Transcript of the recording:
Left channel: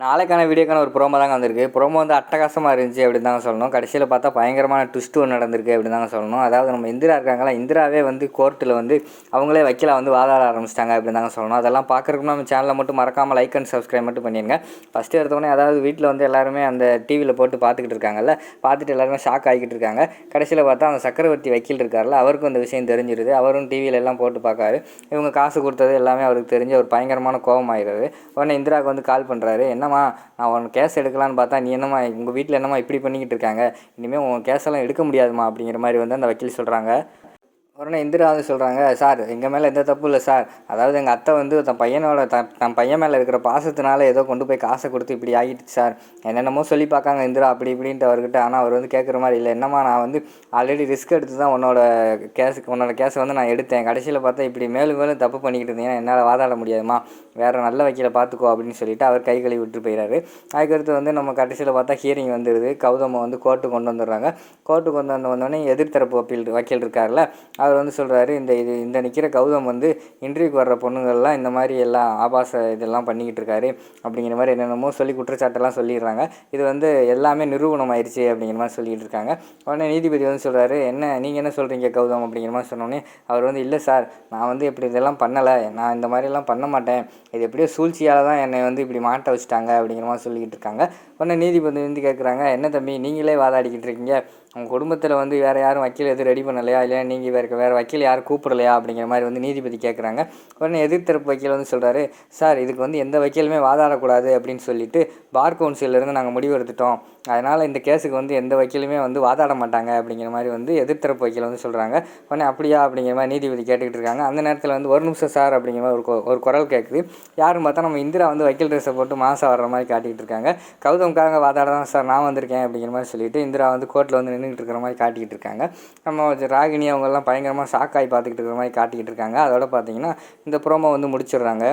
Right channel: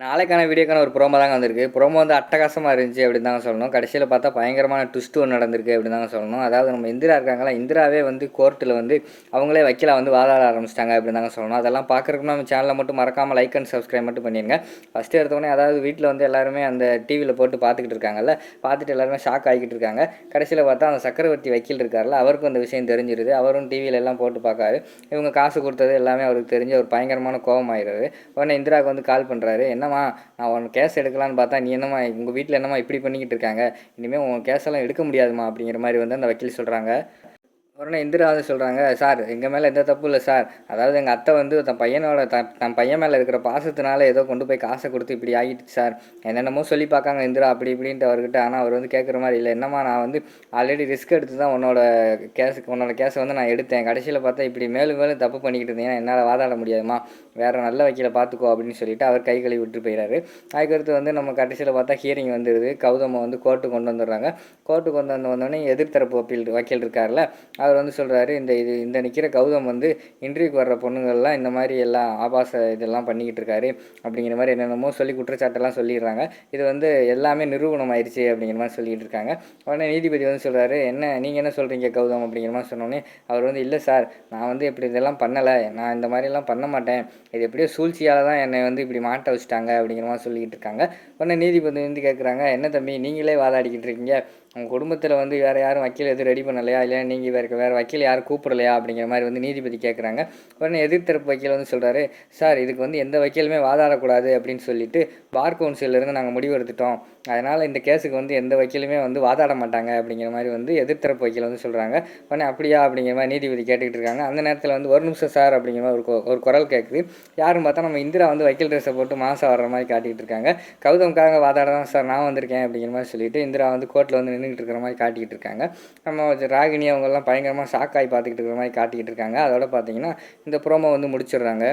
நாளைக்கான வீடியோக்கான ஒரு ப்ரோமோ தாங்க வந்திருக்கு. ப்ரோமோ வந்து அட்டகாசமாக இருந்துச்சு அப்படின்னு தாங்க சொல்லணும். கடைசியில் பார்த்தா பயங்கரமான ட்விஸ்ட் ஒன்று நடந்திருக்கு அப்படின்னு தாங்க சொல்லணும். அதாவது நம்ம இந்திரா இருக்காங்களா, இந்திராவே வந்து கோர்ட்டில் வந்து அவங்களே வக்கீலா வந்து வாதாட ஆரம்பிச்சிட்டாங்க அப்படின்னு தாங்க சொல்லணும். அதெல்லாம் பார்க்குறதுக்கு நம்ம சேனலில் மட்டும் மறக்காமல் லைக் அண்ட் சப்ஸ்கிரைப் மட்டும் பண்ணிடுங்க. ஃபஸ்ட்டு எடுத்தோடனே அதாவது வீட்டில் வந்து எல்லாருமே அந்த டிவியில் போட்டு பார்த்துக்கிட்டு இருக்காங்கல்ல, பார்த்துட்டு எல்லாருமே ஷாக் ஆகிக்கிட்டு இருக்காங்க. கடைசியில் பார்த்தா அந்த சக்கரவர்த்தி வக்கீல் இருக்கார்ல, அவருக்கும் அந்த விஷயம் தெரிஞ்சிருது. அவரும் டிவியில எல்லாம் போட்டு பார்க்காரு. இவங்க காசு கொடுத்தது எல்லாமே அவருக்கு தெரிஞ்சு ஒரு பயங்கரமான கோபம் ஆயிடுது. உடனே இந்திராவுக்கு வந்து கால் பண்ணுறாரு. என்னம்மா, நான் உன் கேஸ் எடுக்கலான்னு பார்த்தா நீ என்னம்மா உங்கள் வீட்டில் என்னம்மா இப்படி பண்ணிக்கிட்டு இருக்காங்க, இனிமேல் உன் கேஸெல்லாம் எடுக்க முடியாதுமா அப்படிங்கிற மாதிரி வந்து அந்த வக்கீல் சொல்கிறாங்க. உடனே இந்திரா வந்து சொல்கிறாங்க, சார் எங்கள் மேலே எந்த தப்பு இல்லை சார். அதாவது எங்கள் அத்தை வந்து தன் பையன் மேலே இருக்கிற பாசத்தினால ஏதோ கொண்டு போய் காசை கொடுத்து இப்படி ஆகிடுச்சு சார். என்னென்னமோ சொல்லி பார்க்காங்க இந்திரா அப்படி இப்படின்ட்டு அவர்கிட்ட. ஆனால் அவர் வந்து கேட்குற மாதிரி இல்லை. என்னம்மா, நான் வந்து ஆல்ரெடி ரிஸ்க் எடுத்து தான் உன்னோட கேஸை வந்து நான் எடுத்தேன். கடைசியில் பார்த்தா இப்படி மேலும் மேலும் தப்பு பண்ணிக்கிட்டு இருந்தீங்கன்னா என்னால் வாதாட முடியாதுமா, வேறு நல்ல வக்கீலை பார்த்துக்கோ அப்படின்னு சொல்லிட்டு அவர் கை கழுவி விட்டு போயிடாரு. அதுக்கடுத்து வந்து நம்ம கடைசியில் பார்த்தா ஹியரிங் வந்துடுது. கௌதமை வந்து கோர்ட்டுக்கு கொண்டு வந்துடுறாங்க. கோர்ட்டுக்கு கொண்டு வந்தோடனே எதிர்த்தரப்பு வக்கீல் இருக்கார்ல, அவர் வந்து சொல்கிறாரு, இந்த நிற்கிற கௌதம் வந்து இன்டர்வியூக்கு வர்ற பொண்ணுங்கள்லாம் இந்த மாதிரி எல்லாம் ஆபாச இதெல்லாம் பண்ணிக்கிட்டு இருக்காரு அப்படிங்கிற மாதிரி என்னென்னமோ சொல்லி குற்றச்சாட்டெல்லாம் சொல்லிடுறாங்க. இது வந்து எல்லாமே நிரூபணம் ஆயிடுச்சு அப்படிங்கிற மாதிரி சொல்லிகிட்டு இருக்காங்க. உடனே நீதிபதி வந்து சொல்கிறாரு, நீங்கள் என்ன சொல்கிறீங்க கௌதம் அப்படிங்கிற மாதிரி சொன்னோன்னே அவர் வந்து, இல்லை சார், நான் வந்து இப்படி இதெல்லாம் பண்ணலை, நான் இந்த மாதிரிலாம் பண்ண மாட்டேன், இது எப்படியோ சூழ்ச்சியால் தான் என்னை வந்து இப்படி மாட்ட வச்சுட்டாங்க அப்படிங்கிற மாதிரி சொல்லிக்கிட்டு இருக்காங்க. உடனே நீதிபதி வந்து கேட்குறாங்க, என்ன தம்பி நீங்களே வாதாடிக்கிட்டு இருக்கீங்க, உங்கள் குடும்பத்தில் வந்து வேறு யாரும் வக்கீல் எதுவும் ரெடி பண்ணலையா, இல்லை நீங்கள் வேறு வக்கீல் யாரும் கூப்பிடலையா அப்படிங்கிற மாதிரி வந்து நீதிபதி கேட்குறாங்க. உடனே எதிர்த்தரப்பு வக்கீல் வந்து சொல்கிறாரு, சார் இதுக்கு வந்து எந்த வக்கீலுமே வாதாடக்கூடாது அப்படின்னு சொல்லிட்டு பார் கவுன்சிலிருந்து நாங்கள் முடிவு எடுத்துட்டோம். அதனால் இந்த கேஸுக்கு வந்து எந்த வக்கீலுமே வந்து வாதாட மாட்டாங்க அப்படிங்கிற மாதிரி வந்து எதிர்த்தரப்பு வக்கீல் வந்து சொல்கிறாங்க. உடனே அப்படியா அப்படிங்கிற மாதிரி நீதிபதி கேட்டுக்கிட்டு இருக்காங்க. அந்த நேரத்தில் வந்து ஒரு நிமிஷம் சார் அப்படிங்கிற மாதிரி ஒரு குரல் கேட்குது. யாரும் பார்த்தா நம்ம இந்திரா வந்து வக்கீல் ட்ரெஸ்ஸை போட்டு மாதம் வர்ற மாதிரி காட்டிகிட்டு இருக்காங்க. கௌதம்காரங்க வாதாட தான் சார் நான் வந்திருக்கேன் அப்படிங்கிற மாதிரி சொல்லிட்டு இந்திரா வந்து கோர்ட்டில் வந்து நின்றுட்டு இருக்கிற மாதிரி காட்டிக்கிட்டு இருக்காங்க. நம்ம ராகினி அவங்கெல்லாம் பயங்கரமாக ஷாக்காகி பார்த்துக்கிட்டு இருக்கிற மாதிரி காட்டிக்கிட்டு இருக்காங்க. அதோட பார்த்தீங்கன்னா இந்த ப்ரோமோ வந்து முடிச்சிடுறாங்க.